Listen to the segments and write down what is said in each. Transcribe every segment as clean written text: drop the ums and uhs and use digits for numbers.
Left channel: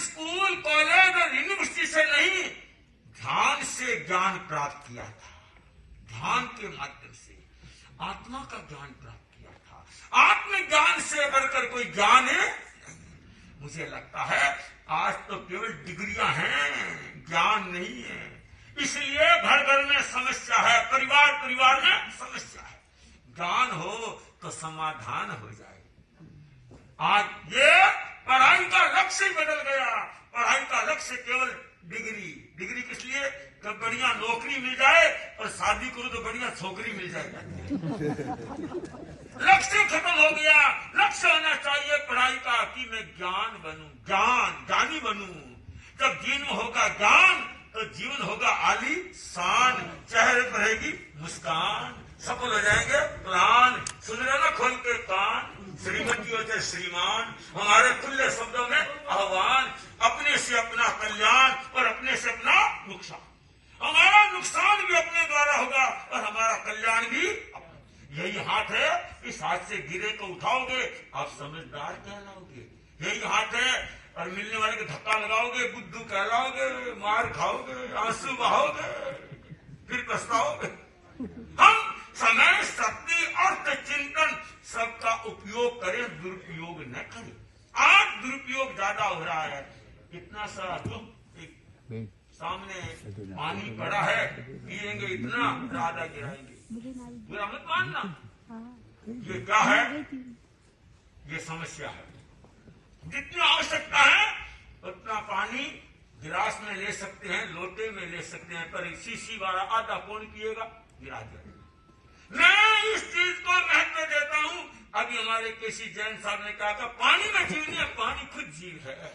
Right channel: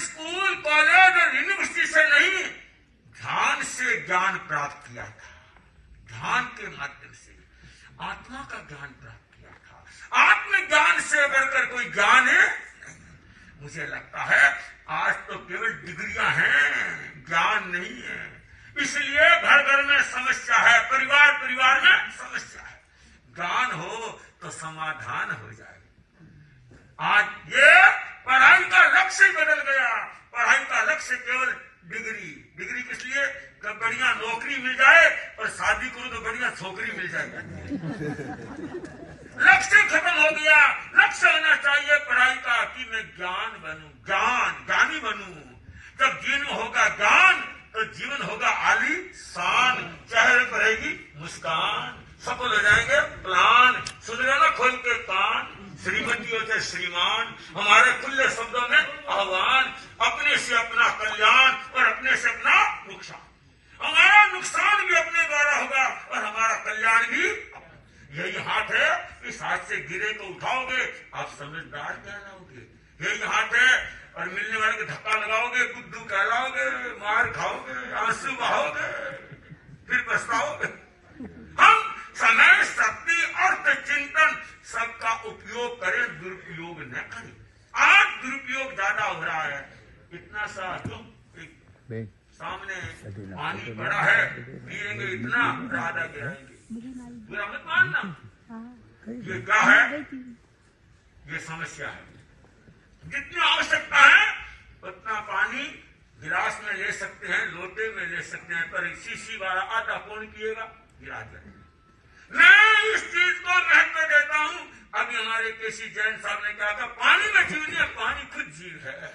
School college और university से नहीं, ध्यान से ज्ञान प्राप्त किया था। ध्यान के माध्यम से आत्मा का ज्ञान प्राप्त किया था। आत्मज्ञान से बढ़कर कोई ज्ञान है नहीं। मुझे लगता है आज तो केवल डिग्रियां हैं, ज्ञान नहीं है। इसलिए घर घर में समस्या है, परिवार परिवार में समस्या है। ज्ञान हो तो समाधान हो जाए। आज ये पढ़ाई का लक्ष्य ही बदल गया। पढ़ाई का लक्ष्य केवल डिग्री। डिग्री किस लिए? कि बढ़िया नौकरी मिल जाए और शादी करो तो बढ़िया छोकरी मिल जाएगा। लक्ष्य खत्म हो गया। लक्ष्य होना चाहिए पढ़ाई का कि मैं ज्ञान बनूं, ज्ञानी बनूं। जब जीवन होगा ज्ञान तो जीवन होगा आलीशान, चेहरे पर रहेगी मुस्कान, सफल हो जाएंगे प्लान। सुन रहे ना खोल के कान, श्रीमती होते हैं श्रीमान। हमारे खुले शब्दों में आह्वान, अपने से अपना कल्याण और अपने से अपना नुकसान। हमारा नुकसान भी अपने द्वारा होगा और हमारा कल्याण भी। यही हाथ है, इस हाथ से गिरे तो उठाओगे, आप समझदार कहलाओगे। यही हाथ है और मिलने वाले को धक्का लगाओगे, बुद्धू कहलाओगे, मार खाओगे, आंसू बहाओगे, फिर पछताओगे। हम समय, शक्ति, अर्थ, चिंतन सबका उपयोग करें, दुरुपयोग न करें। आज दुरुपयोग ज्यादा हो रहा है। इतना सा जो सामने पानी पड़ा है, पिएंगे इतना, राधा गिराएंगे। बुरा मत मानना। ये क्या है? ये समस्या है। जितनी आवश्यकता है उतना पानी गिलास में ले सकते हैं, लोटे में ले सकते हैं, पर शीशी वाला आधा कौन पिएगा? गिरा जाएगा। मैं इस चीज को महत्व देता हूं। अभी हमारे केसी जैन साहब ने कहा, पानी में जीव नहीं है, पानी खुद जीव है।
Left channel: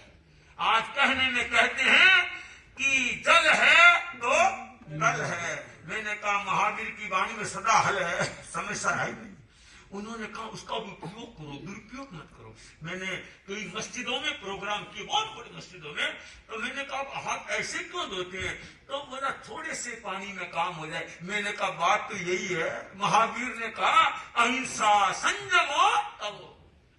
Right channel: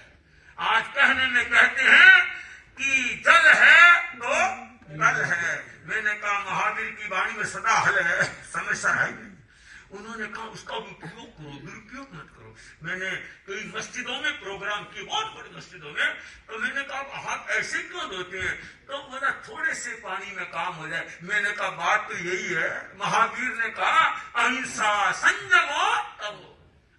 आज कहने में कहते हैं कि जल है तो कल है। मैंने कहा महावीर की वाणी में सदा हल है, समस्या है नहीं। उन्होंने कहा उसका उपयोग करो, दुरुपयोग मत करो। मैंने कई मस्जिदों में प्रोग्राम किए, बहुत बड़ी मस्जिदों में, तो मैंने कहा हाथ ऐसे क्यों धोते हैं? तो बोला थोड़े से पानी में काम हो जाए। मैंने कहा बात तो यही है। महावीर ने कहा अहिंसा संयमो तब,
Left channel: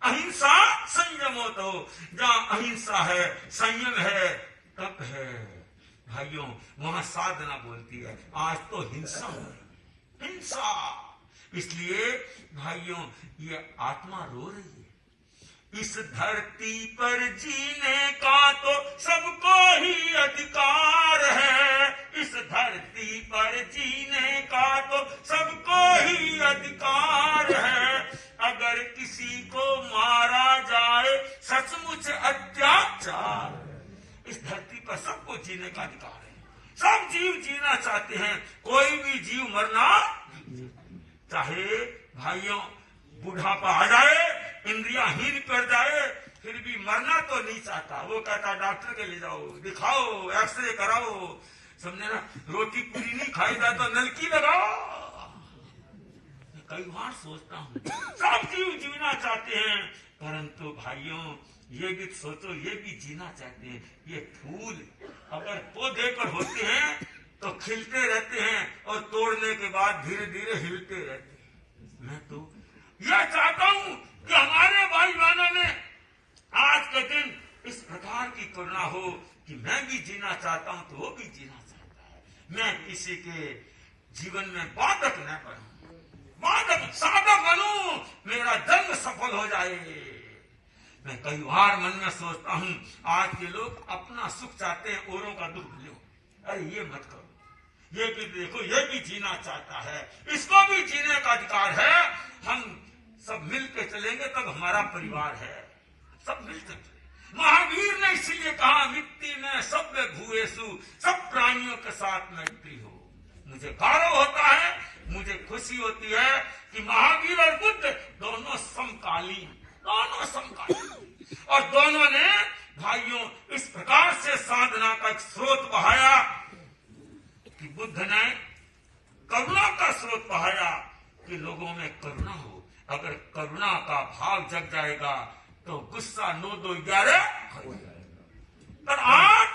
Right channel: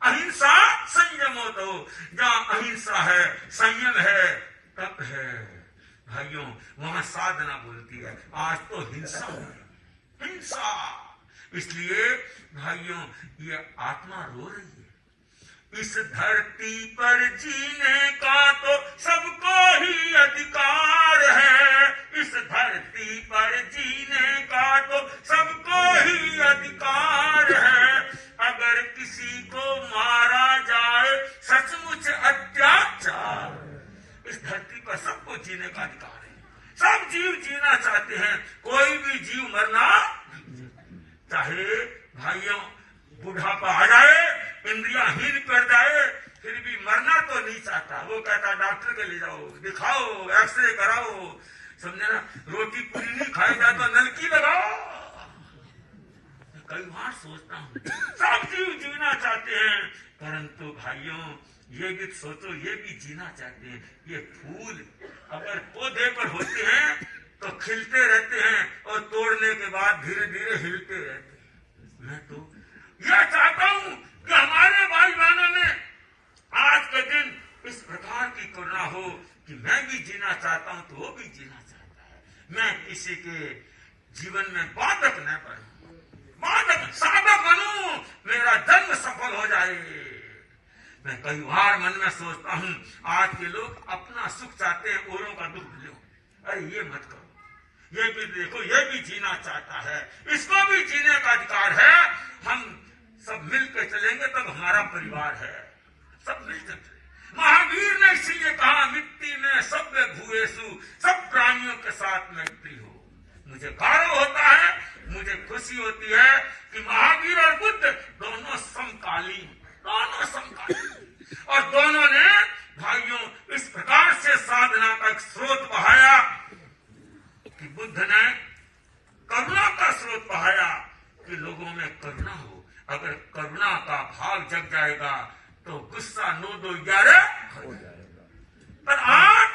अहिंसा संयमो तब। जहाँ अहिंसा है, संयम है, तप है भाइयों, वहां साधना बोलती है। आज तो हिंसा हो रही, हिंसा। इसलिए भाइयों ये आत्मा रो रही है। इस धरती पर जीने का तो सबको ही अधिकार है। इस धरती पर जीने का तो सबको ही अधिकार है। अगर किसी को मारा जाए सचमुच अत्याचार। इस धरती पर सबको जीने का अधिकार है। सब जीव जीना चाहते हैं, कोई भी जीव मरना, चाहे भाइयों बुढ़ापा आ जाए, इंद्रियां हीन कर जाए, फिर भी मरना तो नहीं चाहता। वो कहता डॉक्टर के ले जाओ, दिखाओ, एक्सरे कराओ, समझे ना। रोटी पूरी नहीं खाई जाए तो नलकी लगाओ। कई बार सोचता हूँ सब जीव जीना चाहते हैं, परंतु भाइयों ये भी सोचो, ये भी जीना चाहते हैं। ये फूल अगर पौधे पर होते हैं तो खिलते रहते हैं और तोड़ने के बाद धीरे धीरे हिलते रहते हैं। मैं तो यह चाहता हूं कि हमारे भाई बहनों में आज के दिन इस प्रकार की करुणा हो कि मैं भी जीना चाहता हूं तो वो भी जीना चाहता है। मैं किसी के जीवन में बाधक न बनूं, बाधक साधक बनूं, मेरा जन्म सफल हो जाए। मैं कई बार मन में सोचता हूं आज के लोग अपना सुख चाहते हैं, औरों का दुख लो। अरे ये मत करो, ये भी देखो, ये भी जीना चाहता है, इसको भी जीने का अधिकार है। हम सब मिलकर चलेंगे तब हमारा परिवार है, सब मिलकर चले। महावीर ने इसीलिए कहा मिट्टी में सब भूएसु, सब प्राणियों के साथ मैत्री हो। मुझे गौरव होता है, मुझे खुशी होती है कि महावीर और बुद्ध दोनों समकालीन, दोनों समकालीन, और दोनों ने भाइयों इस प्रकार से साधना का एक स्रोत बहाया कि बुद्ध ने करुणा का स्रोत बहाया कि लोगों में करुणा हो। अगर करुणा का भाव जग जाएगा तो गुस्सा 9 2 11 हो जाएगा। पर आज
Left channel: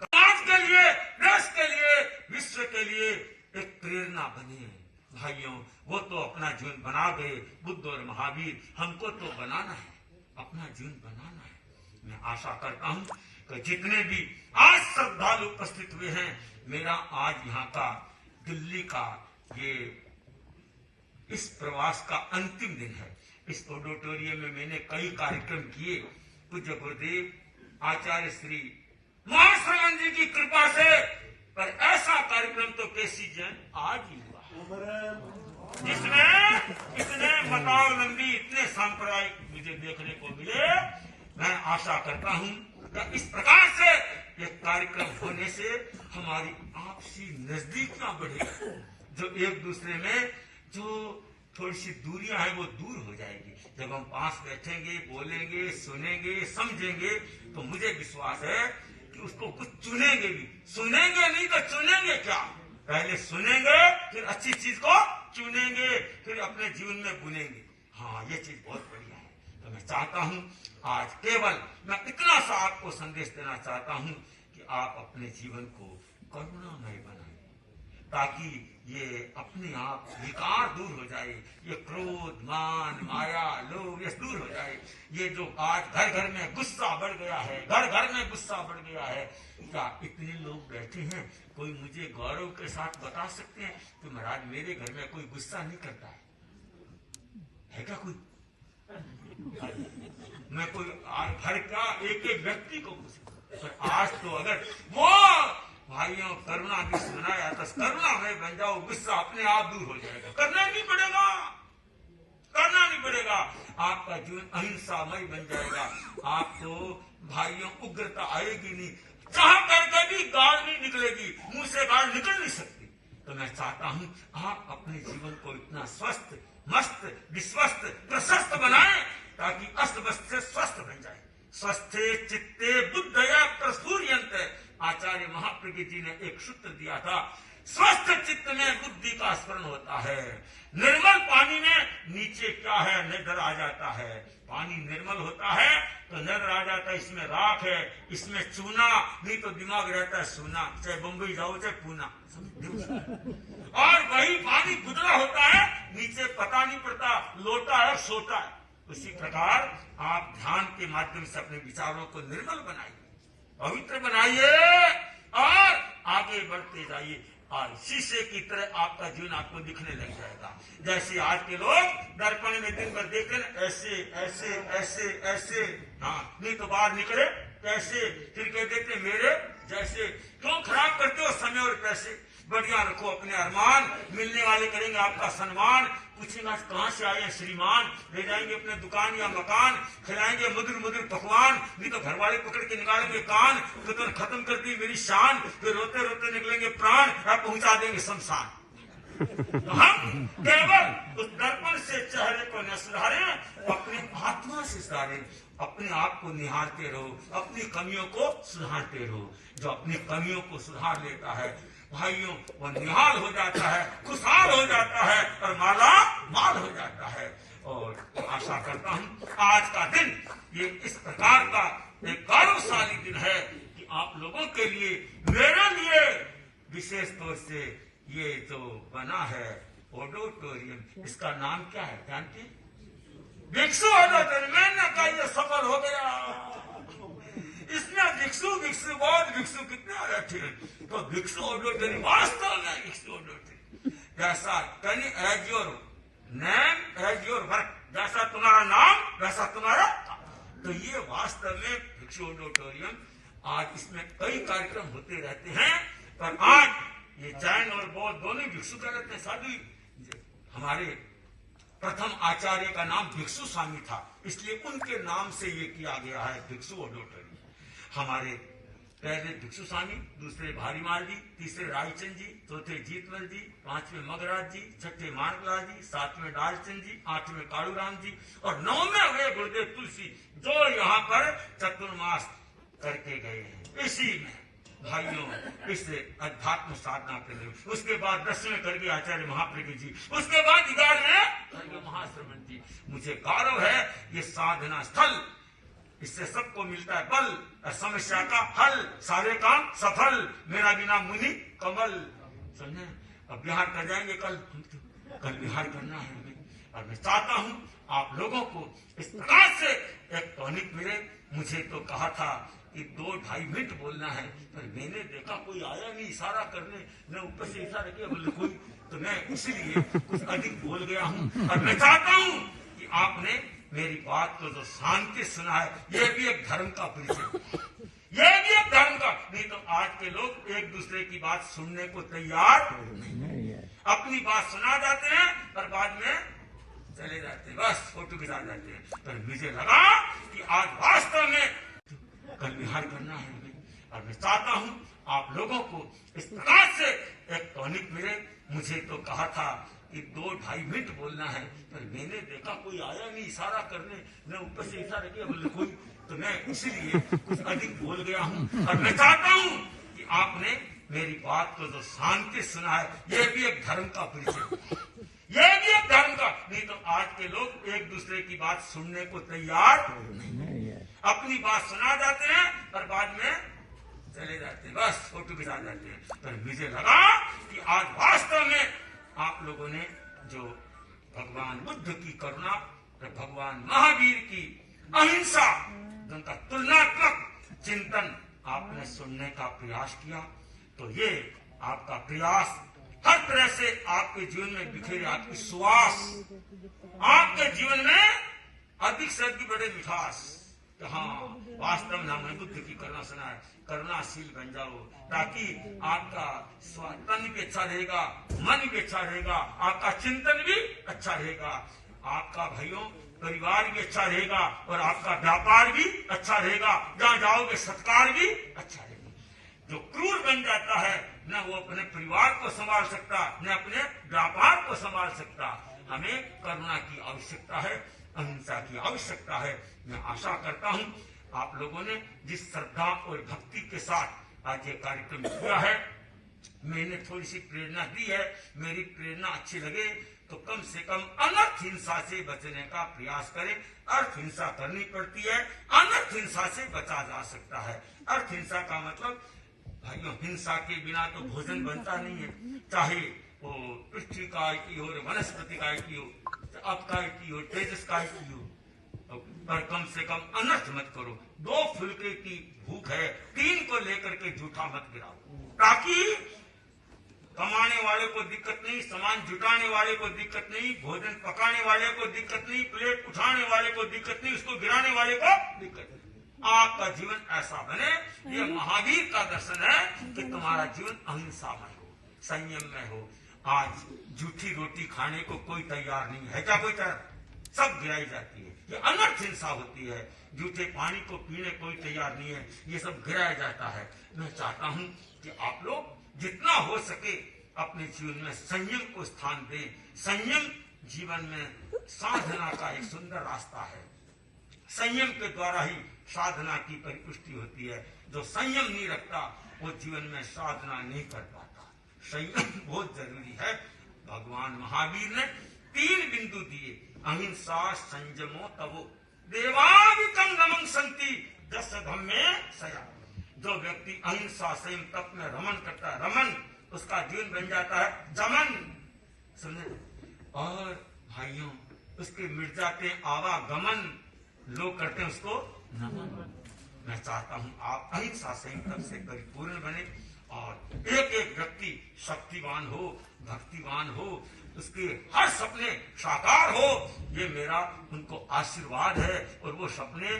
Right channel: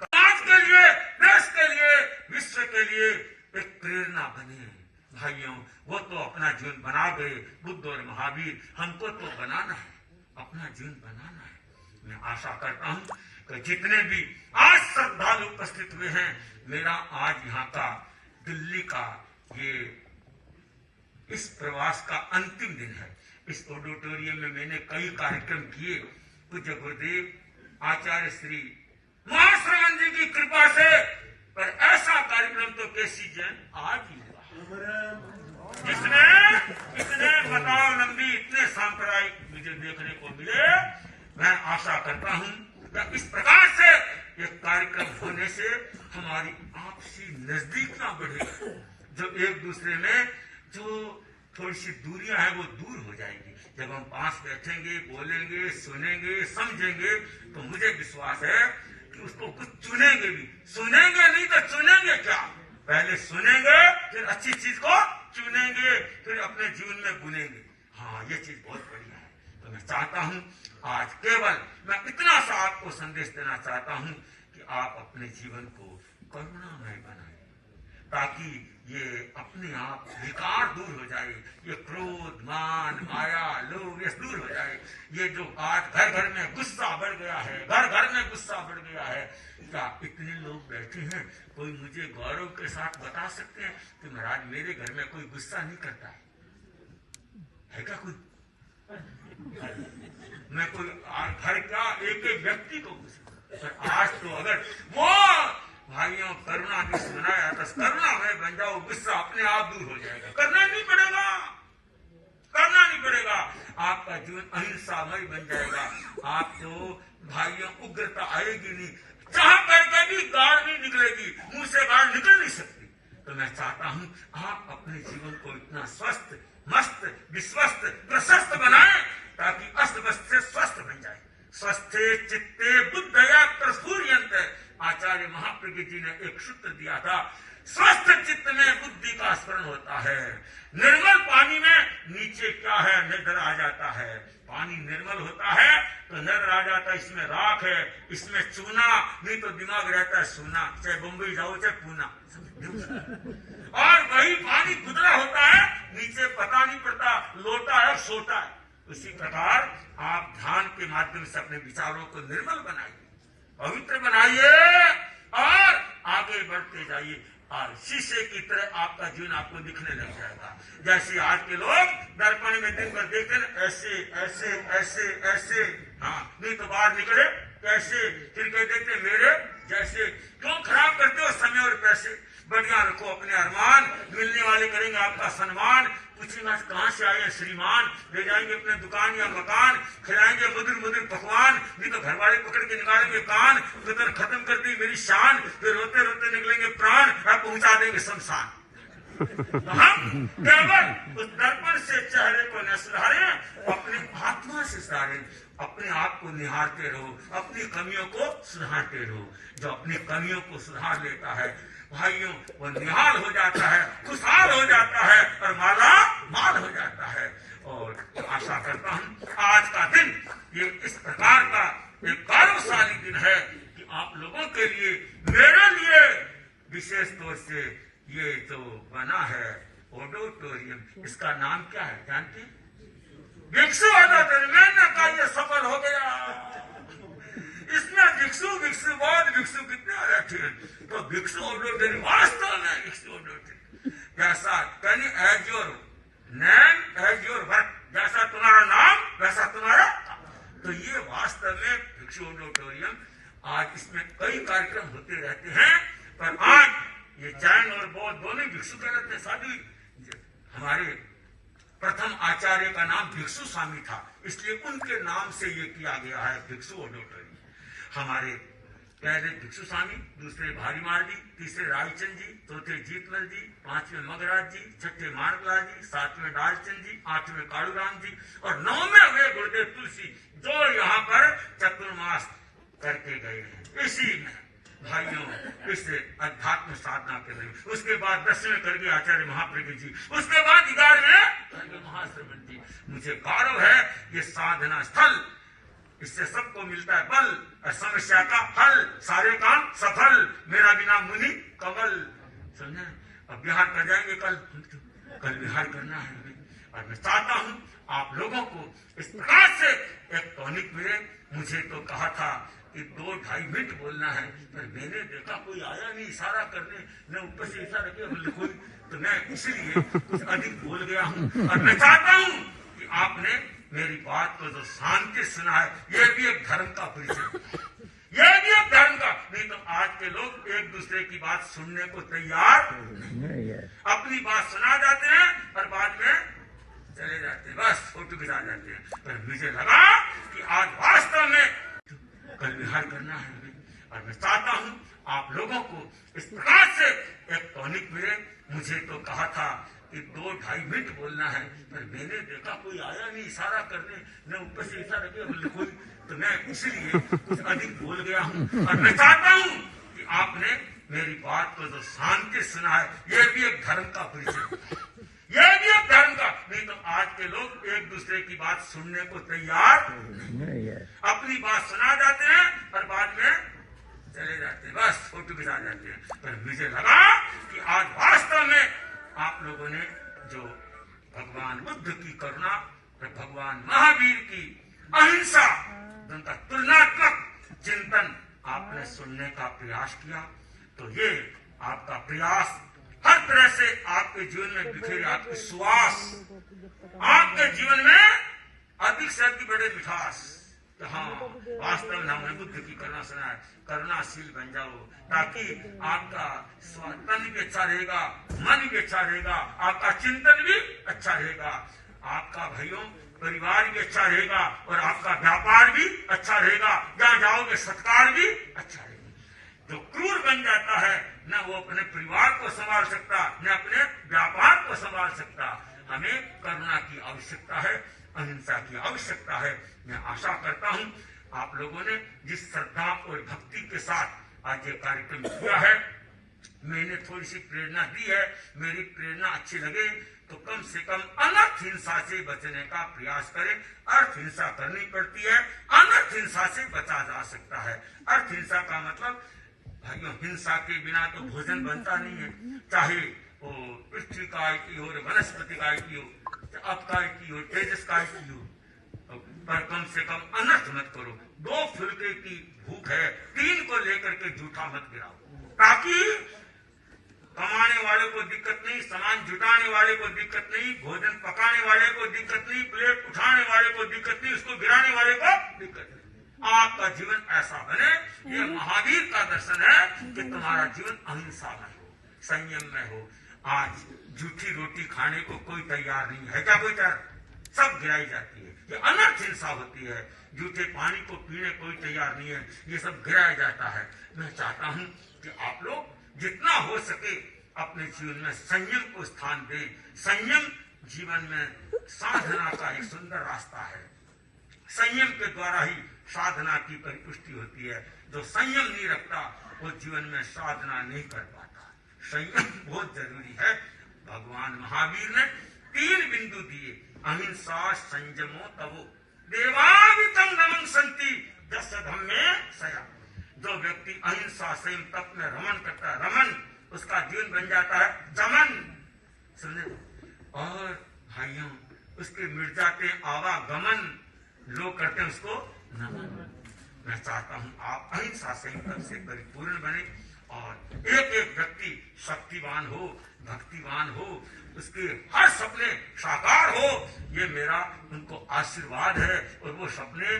समाज के लिए, देश के लिए, विश्व के लिए एक प्रेरणा बने भाइयों। वो तो अपना जीवन बना गए, बुद्ध और महावीर। हमको तो बनाना है, अपना जीवन बनाना है। मैं आशा करता हूं तो जितने भी आज श्रद्धालु उपस्थित हुए हैं, मेरा आज यहाँ का दिल्ली का ये इस प्रवास का अंतिम दिन है। इस ऑडिटोरियम में मैंने कई कार्यक्रम किए। पूज्य गुरुदेव आचार्य श्री महाश्रवण जी की कृपा से, पर ऐसा कार्यक्रम तो केसी जैन आज ही हुआ जिसमें इतने मतावलंबी, इतने सांप्रदायिक मुझे देखने को मिले। मैं आशा करता हूं कि इस प्रकार से ये कार्यक्रम होने से हमारी आपसी नजदीकियां बढ़े, जो एक दूसरे में जो थोड़ी सी दूरियां हैं वो दूर हो जाएगी। जब हम पास बैठेंगे, बोलेंगे, सुनेंगे, समझेंगे, तो मुझे विश्वास है कि उसको कुछ चुनेंगे भी। सुनेंगे नहीं तो चुनेंगे क्या? पहले सुनेंगे, फिर अच्छी चीज को चुनेंगे, फिर अपने जीवन में बुनेंगे। हाँ, ये चीज बहुत बढ़िया है। तो मैं चाहता हूँ आज केवल मैं इतना सा आपको संदेश देना चाहता हूँ कि आप अपने जीवन को करुणामय बनाएं, ताकि ये अपने आप विकार दूर हो जाए, ये क्रोध, मान, माया, लोभ ये दूर हो जाए। ये जो आज घर घर में गुस्सा बढ़ गया है, घर घर में गुस्सा बढ़ गया है, क्या इतने लोग बैठे हैं, कोई मुझे गौरव के साथ बता सकते हैं कि महाराज मेरे घर में कोई गुस्सा नहीं करता है क्या कोई? मैं कोई घर का एक एक व्यक्ति को गुस्सा, पर आज तो अगर वो भाइयों करुणा भी सुनाया तो करुणा में बन जाओ, गुस्सा अपने आप दूर हो जाएगा। करना नहीं पड़ेगा, करना नहीं पड़ेगा। आपका जीवन अहिंसामय बन जाएगा। आपको भाइयों उग्रता आएगी नहीं, चाह करके भी गाड़ नहीं निकलेगी, मुंह से गाड़ निकल नहीं सकती। तो मैं चाहता हूं आप अपने जीवन को इतना स्वस्थ, मस्त, विश्वस्त, प्रशस्त बनाएं ताकि अस्त वस्त से स्वस्थ बन जाए। स्वस्थे चित्ते बुद्धया प्रसूर्यन्ते, आचार्य महाप्रज्ञ जी ने एक सूत्र दिया था। स्वस्थ चित्त में बुद्धि का स्मरण होता है। निर्मल पानी में नीचे क्या है नजर आ जाता है। पानी निर्मल होता है तो नजर आ जाता है इसमें राख है, इसमें चूना, नहीं तो दिमाग रहता है सूना, चाहे बम्बई जाओ चाहे पूना। और वही पानी गुदरा होता है, नीचे पता नहीं पड़ता लोटा है सोता है। उसी प्रकार आप ध्यान के माध्यम से अपने विचारों को निर्मल बनाइए, पवित्र बनाइए और आगे बढ़ते जाइए। और शीशे की तरह आपका जीवन आपको दिखने लग जाएगा। जैसे आज के लोग दर्पण में दिन भर देखते ना, ऐसे ऐसे ऐसे ऐसे, हाँ, नहीं तो बाहर निकले कैसे, फिर कह देते मेरे जैसे। क्यों खराब करते हो समय और पैसे? बढ़िया रखो अपने अरमान, मिलने वाले करेंगे आपका सम्मान। पूछेंगे आज कहाँ से आए श्रीमान, ले जाएंगे अपने दुकान या मकान, खिलाएंगे मधुर मधुर पकवान, नहीं तो घर वाले पकड़ के निकालेंगे कान, फिर खत्म कर दी मेरी शान, फिर रोते रोते निकलेंगे प्राण और पहुंचा देंगे शमशान। तो हम केवल उस दर्पण से चेहरे को न सुधारे, अपनी आत्मा से सुधारे। अपने आप को निहारते रहो, अपनी कमियों को सुधारते रहो। जो अपनी कमियों को सुधार लेता है भाइयों, वो निहाल हो जाता है, खुशहाल हो जाता है और माला माल हो जाता है। और आशा करता हूँ आज का दिन ये इस प्रकार का एक गौरवशाली दिन है कि आप लोगों के लिए, मेरे लिए विशेष तौर से ये जो बना है ऑडिटोरियम, इसका नाम क्या है जानते हैं? भिक्षु ऑडिटोरियम। मैंने कहा ये सफल हो गया। इसमें भिक्षु भिक्षु बहुत भिक्षु कितने आ रहे थे, तो भिक्षु ऑडिटोरियम वास्तव में भिक्षु ऑडिटोरियम। जैसा can as your name as your work, जैसा तुम्हारा नाम वैसा तुम्हारा। तो ये वास्तव में भिक्षु ऑडिटोरियम। आज इसमें कई कार्यक्रम होते रहते हैं, पर आज ये जैन और बौद्ध दोनों भिक्षु कहते हैं, साधु। हमारे प्रथम आचार्य का नाम भिक्षु स्वामी था, इसलिए उनके नाम से ये किया गया है भिक्षु ऑडिटोरियम। हमारे पहले भिक्षु स्वामी, दूसरे भारीमाल जी, तीसरे रायचंद जी, चौथे जीतमल जी, पांचवें मगराज जी, छठे मानकलाल जी, सातवें डालचंद जी, आठवें कालूराम जी और नौवें हुए गुरुदेव तुलसी, जो यहाँ पर चतुर्मास करके गए हैं। इसी में भाइयों इस अध्यात्म साधना के लिए, उसके बाद 10वें कर गए आचार्य महाप्रज्ञ जी, उसके बाद 11वें महाश्रवण जी। मुझे गौरव है ये साधना स्थल, इससे सबको मिलता है बल और समस्या का हल, सारे काम सफल, मेरा बिना मुनि कमल। समझे? अब बिहार कर जाएंगे कल बिहार करना है हमें। और मैं चाहता हूँ आप लोगों को इस प्रकार से एक टॉनिक मिले। मुझे तो कहा था कि 2-2.5 मिनट बोलना है, पर मैंने देखा कोई आया नहीं इशारा करने, मैं ऊपर से इशारा किया बोले कोई, तो मैं इसलिए कुछ अधिक बोल गया हूँ। और मैं चाहता हूँ कि आपने मेरी बात को जो शांति सुना है, ये भी एक धर्म का परिचय, ये भी एक धर्म का। नहीं तो आज के लोग एक दूसरे की बात सुनने को तैयार नहीं है, अपनी बात सुना जाते हैं पर बाद में चले जाते हैं, बस फोटो खिंचा जाते हैं। पर मुझे लगा कि आज वास्तव में कल विहार करना है हमें, और मैं चाहता हूँ आप लोगों को इस प्रकार से एक टॉनिक मिले। मुझे तो कहा था कि 2-2.5 मिनट बोलना है, पर मैंने देखा कोई आया नहीं इशारा करने, मैं ऊपर से इशारा किया बोले कोई, तो मैं इसलिए कुछ अधिक बोल गया हूँ। और मैं चाहता हूँ कि आपने मेरी बात को जो शांति सुना है, ये भी एक धर्म का परिचय, ये भी एक धर्म का। नहीं तो आज के लोग एक दूसरे की बात सुनने को तैयार नहीं है, अपनी बात सुना जाते हैं पर बाद में चले जाते हैं, बस फोटो खिंचा जाते हैं। पर मुझे लगा कि आज वास्तव में आप लोगों ने जो भगवान बुद्ध की करुणा और भगवान महावीर की अहिंसा, उनका तुलनात्मक चिंतन आपने सुनने का प्रयास किया, तो ये आपका प्रयास हर तरह से आपके जीवन में बिखेरे, आपकी सुवास आपके जीवन में अधिक से अधिक बड़े मिठास। तो हाँ, वास्तव में हमने बुद्ध की करुणा सुना है, करुणाशील बन जाओ, ताकि आपका तन भी अच्छा रहेगा, मन भी अच्छा रहेगा, आपका चिंतन भी अच्छा रहेगा, आपका भाइयों परिवार भी अच्छा रहेगा, और आपका व्यापार भी अच्छा रहेगा, जहाँ जाओगे सत्कार भी अच्छा रहेगा। जो क्रूर बन जाता है न वो अपने परिवार को संभाल सकता, न अपने व्यापार को संभाल सकता। हमें करुणा की आवश्यकता है, अहिंसा की आवश्यकता है। मैं आशा करता हूँ आप लोगों ने जिस श्रद्धा और भक्ति के साथ आज ये कार्यक्रम किया है, मैंने थोड़ी सी प्रेरणा दी है, मेरी प्रेरणा अच्छी लगे तो कम से कम अनर्थ हिंसा से बचने का प्रयास करें। अर्थ हिंसा करनी पड़ती है, अनर्थ हिंसा से बचा जा सकता है। अर्थ हिंसा का मतलब भाइयों, हिंसा के बिना तो भोजन बनता नहीं है, चाहे वो पृथ्वी काय की हो, वनस्पति काय की हो, आप काय की हो, तेजस काय की हो, पर कम से कम अनर्थ मत करो। 2 फुलके की भूख है, 3 को लेकर के जूठा मत गिराओ, ताकि कमाने वाले को दिक्कत नहीं, सामान जुटाने वाले को दिक्कत नहीं, भोजन पकाने वाले को दिक्कत नहीं, प्लेट उठाने वाले को दिक्कत नहीं, उसको गिराने वाले को दिक्कत नहीं। आपका जीवन ऐसा बने, ये महावीर का दर्शन है कि तुम्हारा जीवन अहिंसा में हो, संयम में हो। आज जूठी रोटी खाने को कोई तैयार नहीं है, क्या कोई तैयार? सब गिराई जाती है, ये अनर्थ हिंसा होती है। जूठे पानी को पीने कोई तैयार नहीं है, ये सब गिराया जाता है। मैं चाहता हूँ कि आप लोग जितना हो सके अपने जीवन में संयम को स्थान दें। संयम जीवन में साधना का एक सुंदर रास्ता है। संयम के द्वारा ही साधना की परिपुष्टि होती है। जो संयम नहीं रखता वो जीवन में साधना नहीं कर पाता। संयम बहुत जरूरी है। भगवान महावीर ने 3 बिंदु दिए, अहिंसा संयमो तवो देवावितम नमं संति दस धम्मे सया। जो व्यक्ति अहिंसा संयम तप में रमन करता है, रमन उसका जीवन बन जाता है दमन, सुने, और भाइयों उसके मिट जाते आवागमन, लोग करते हैं उसको नमन। मैं चाहता हूं आप अहिंसा संयम से परिपूर्ण बने और एक एक व्यक्ति शक्तिवान हो, भक्तिवान हो, उसके हर सपने साकार हो, ये मेरा उनको आशीर्वाद है। और वो सपने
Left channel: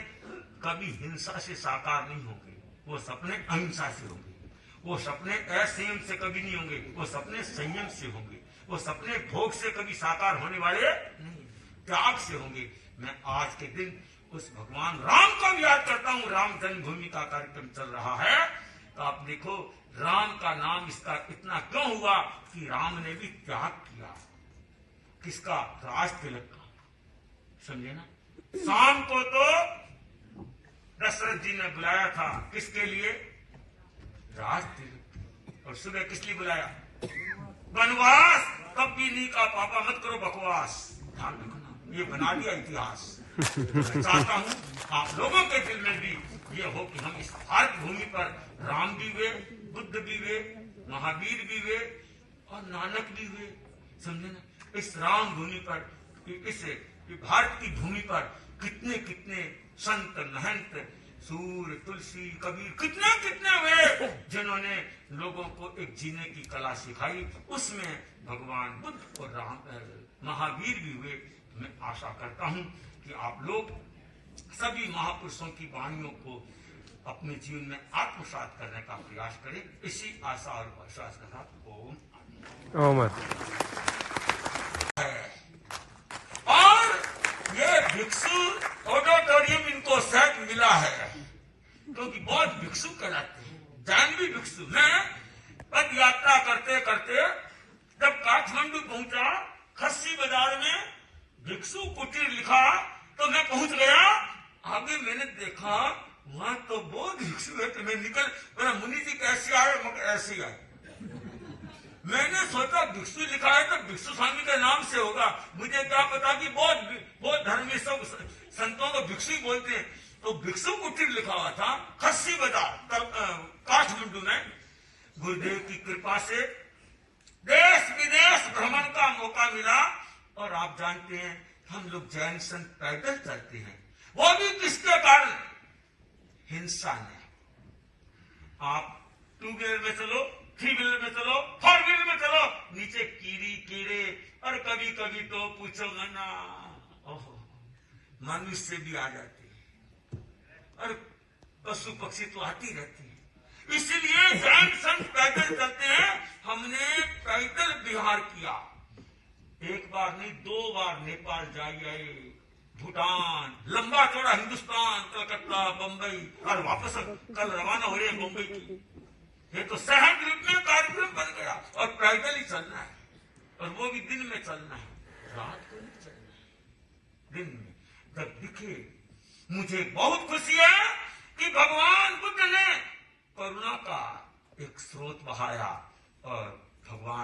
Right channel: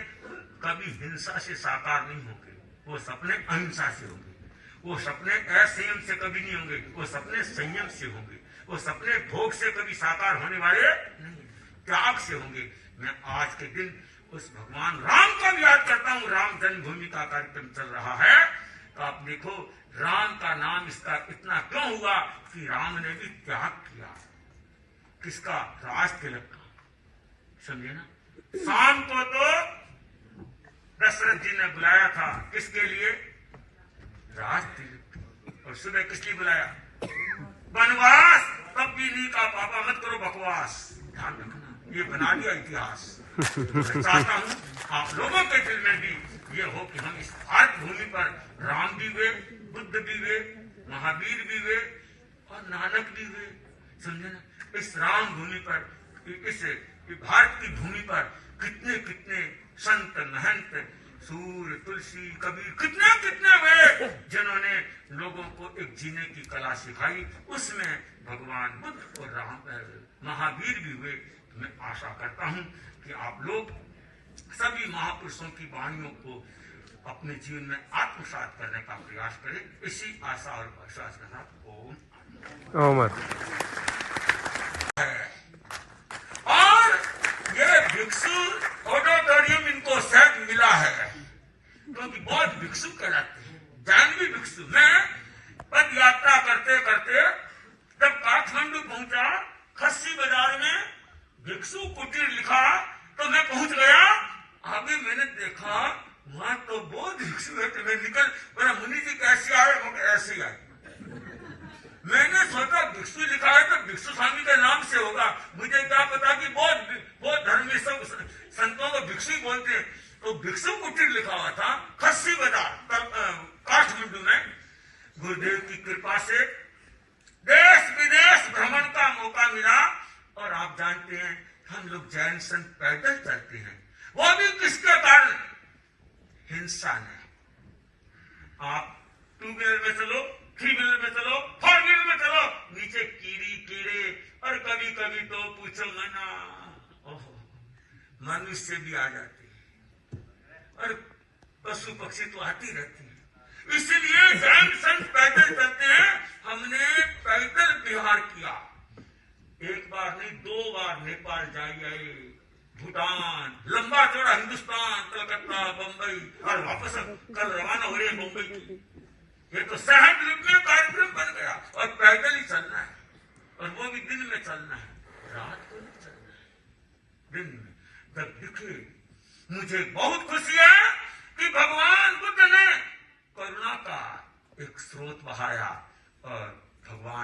कभी हिंसा से साकार नहीं होंगे, वो सपने अहिंसा से होंगे। वो सपने असंयम से कभी नहीं होंगे, वो सपने संयम से होंगे। वो सपने भोग से कभी साकार होने वाले नहीं, त्याग से होंगे। मैं आज के दिन उस भगवान राम को भी याद करता हूँ। राम जन्मभूमि का कार्यक्रम चल रहा है, तो आप देखो राम का नाम इसका इतना क्यों हुआ कि राम ने भी त्याग किया। किसका? राज तिलक का, समझे ना। शाम को तो दशरथ जी ने बुलाया था, किसके लिए? राज तिलक। और सुबह किस लिए बुलाया? वनवास। तब भी नहीं कहा पापा मत करो बकवास, ध्यान रखना, ये बना दिया इतिहास। मैं चाहता हूँ आप लोगों के दिल में भी ये हो कि हम इस भारत भूमि पर राम भी हुए, बुद्ध भी हुए, महावीर भी हुए और नानक भी हुए, समझे ना। इस राम भूमि पर, इस भारत की भूमि पर कितने कितने संत महंत सूर्य, तुलसी, कबीर, कितने कितने वे जिन्होंने लोगों को एक जीने की कला सिखाई। उसमें भगवान बुद्ध और राम महावीर भी हुए। मैं आशा करता हूं कि आप लोग सभी महापुरुषों की वाणियों को अपने जीवन में आत्मसात करने का प्रयास करें। इसी आशा और विश्वास के साथ ओम। और ये भिक्षु ऑडिटोरियम इनको शायद मिला है क्योंकि बहुत भिक्षु कहलाते हैं, जानवी भिक्षु। मैं पद यात्रा करते करते जब काठमांडू पहुंचा, खस्सी बाजार में भिक्षु कुटीर लिखा तो मैं पहुंच गया। आगे मैंने देखा वहां तो बहुत भिक्षु है। तो मैं निकल, मेरा मुनि जी कैसे आए, मगर ऐसे ही आए। मैंने सोचा भिक्षु लिखा है तो भिक्षु स्वामी के नाम से होगा। मुझे क्या पता कि बहुत धर्म में सब संतों को भिक्षु ही बोलते हैं। तो भिक्षु कुटीर लिखा हुआ था खस्सी बाजार काठमांडू में। गुरुदेव की कृपा से देश विदेश भ्रमण का मौका मिला। और आप जानते हैं हम लोग जैन संत पैदल चलते हैं, वो भी किसके कारण? हिंसा ने। आप टू व्हीलर में चलो, थ्री व्हीलर में चलो, फोर व्हीलर में चलो, नीचे कीड़े और कभी कभी तो पूछो ना, ओहो मनुष्य भी आ जाते हैं और पशु पक्षी तो आती रहती है। इसलिए जैन संत पैदल चलते हैं। हमने पैदल विहार किया, एक बार नहीं 2 बार नेपाल जाइए, भूटान, लंबा चौड़ा हिंदुस्तान, कलकत्ता, बंबई और वापस कल रवाना हो रहे मुंबई की। ये तो सहज रूप में कार्यक्रम बन गया। और पैदल ही चलना है, और वो भी दिन में चलना है, रात को नहीं चलना है, दिन में। जब दिखे मुझे बहुत खुशी है कि भगवान बुद्ध ने करुणा का एक स्रोत बहाया और भगवान